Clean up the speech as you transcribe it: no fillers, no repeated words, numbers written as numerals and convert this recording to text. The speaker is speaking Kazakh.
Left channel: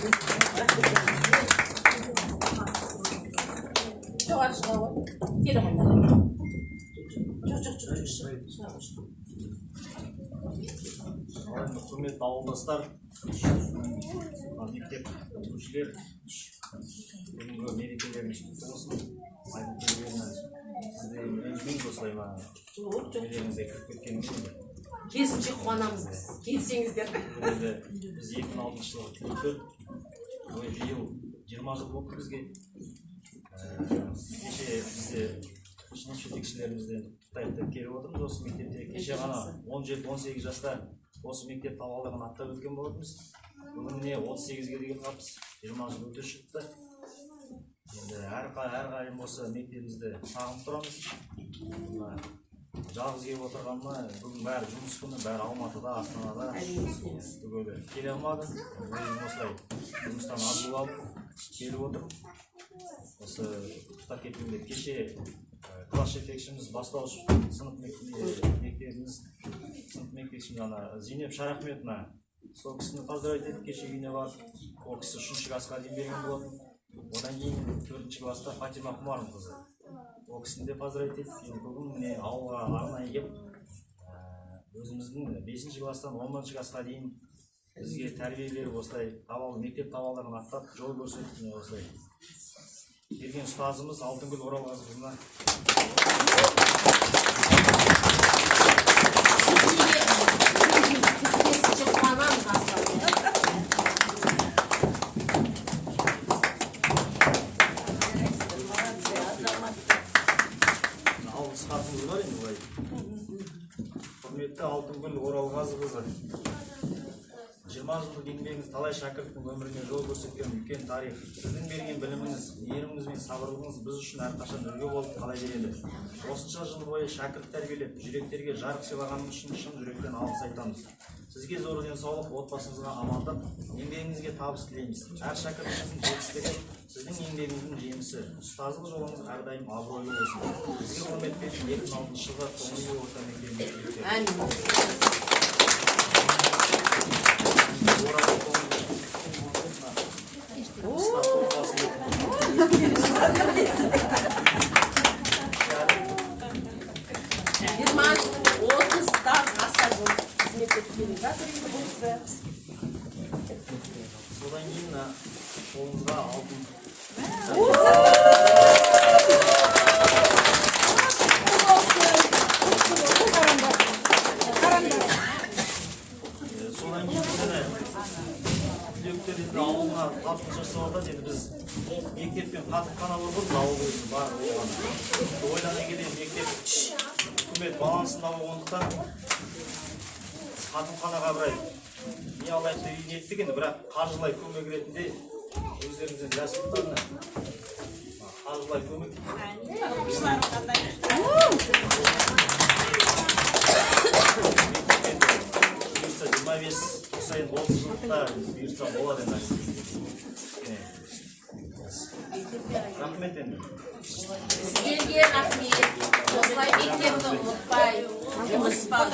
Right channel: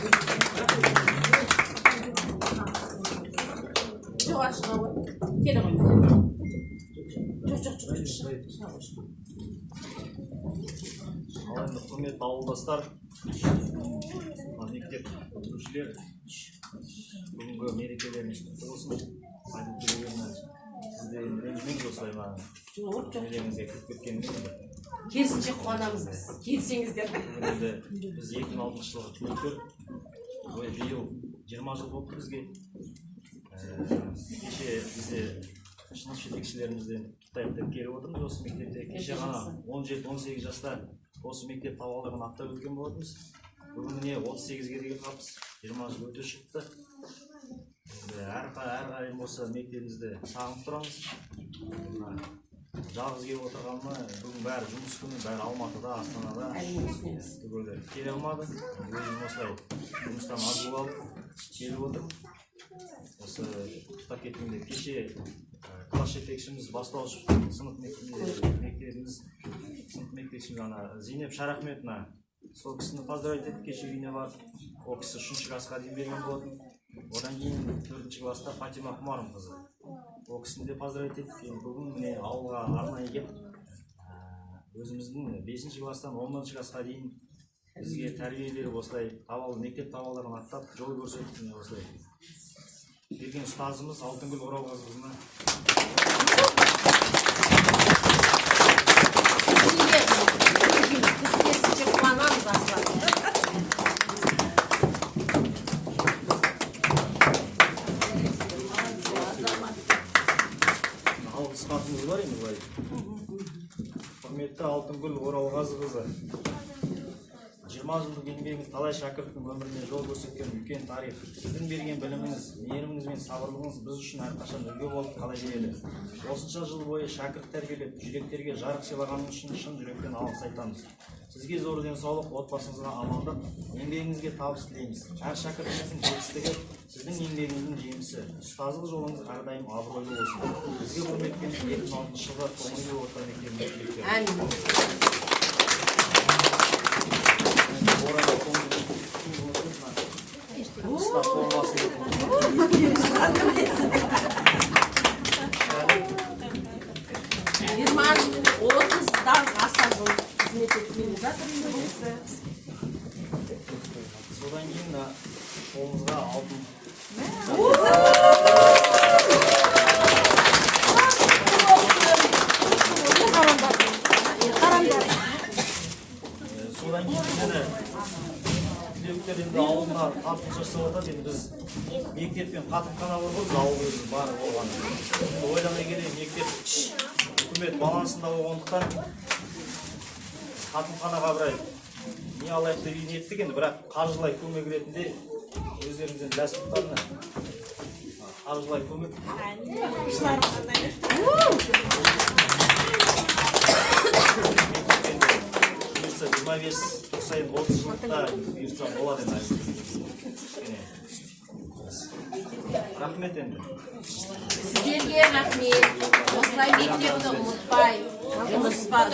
Жоқ, шыға ғой. Келе ғой. Алайында құрметті ауылдастар, мектеп бітірушілер, бүгінгі мерекелеріңіз құтты болсын. Айтып келгені сізде ренжімеңіз осылай маған. Мерекеңізге кіріп кеткеніңіз. Керісінше қуанамыз біз. Келсеңіздер. Біз 2006 жылғы түлектер, биыл 20 жыл болды бізге. Кеше бізде шыныс жетекшілерімізден құттықтап келіп отырмыз осы мектепте. Кеше ғана 17-18 жаста осы мектеп табалдырығын аттап өткен болатынбыз. Бүгін міне 38-ге деген қапсыз 20 жыл өте шықты. Әрқайым осы мектебімізді сағынып тұрамыз. Жалғыз келіп отырғанына бүгін бәрі жұмыс күні, бәрі Алматыда, Астанада түгелі келе алмады. Өзім осылай жұмыстан аз болып келіп отырмын. Осы құттықтап кеткенде кеше класс жетекшіміз бастауыш сынып мектебіміз Зейнеп Шарахметовна сол кісіні поздравить етіп кеше үйіне барып, ол кісі 3-ші классқа дейін берген болатын. Одан кейін 4-ші класста Фатима Құмарым қызы. Ол кісіні де поздравить етіп, бүгін міне ауылға арнайы келіп, өзіміздің 5-ші класстан 10-ші классқа дейін бізге тәрбие беріп осылай мектеп табалдырығын аттап жол көрсетіп осылай берген ұстазымыз Алтынгүл Оралғазықызына алғыс хатымыз бар енді былай. Құрметті Алтынгүл Оралғазықызы, 20 жылдық еңбегіңіз талай шәкірттің өміріне жол көрсеткен үлкен тарих. Сіздің берген біліміңіз, мейіріміңіз бен сабырлығыңыз біз үшін әрқашан үлгі болып қала береді. Осынша жыл бойы шәкірт тәрбиелеп, жүректерге жарық сыйлағаныңыз үшін шын жүректен алғыс айтамыз. Сізге зор денсаулық, отбасыңызға амандық, еңбегіңізге табыс тілейміз. Әр шәкіртіңіздің жетістігі сіздің еңбегіңіздің жемісі. Ұстаздық жолыңыз әрдайым абыройлы болсын. Сізге құрметпен 2006 жылғы Қоңыр орта мектебінің түлектері. Содан кейін қолымызға алтын. Содан кейін түлектер енді ауылына тартып жасап жатады. Енді біз мектеппен қатырхана болғанбыз, ауыл өзі бар болған. Ойлана келе мектеп үкімет балансында болғандықтан қатырханаға бірай не алайық деп ниеттік енді, бірақ қаржылай көмек ретінде өздеріңізден жасылықтарына қаржылай көмек. Бұйырса 25-30 жылдықта бұйырса болады енді. Рахмет енді. Сіздерге рахмет. Осылай мектепті ұмытпай, жұмыстан